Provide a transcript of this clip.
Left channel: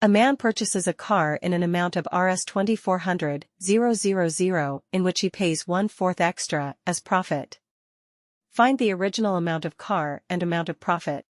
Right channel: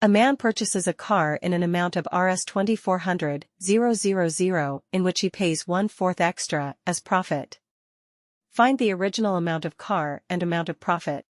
A man purchases a car in an amount of Rs 2400,000 in which he pays 1/4 extra as profit. Find the original amount of car and amount of profit.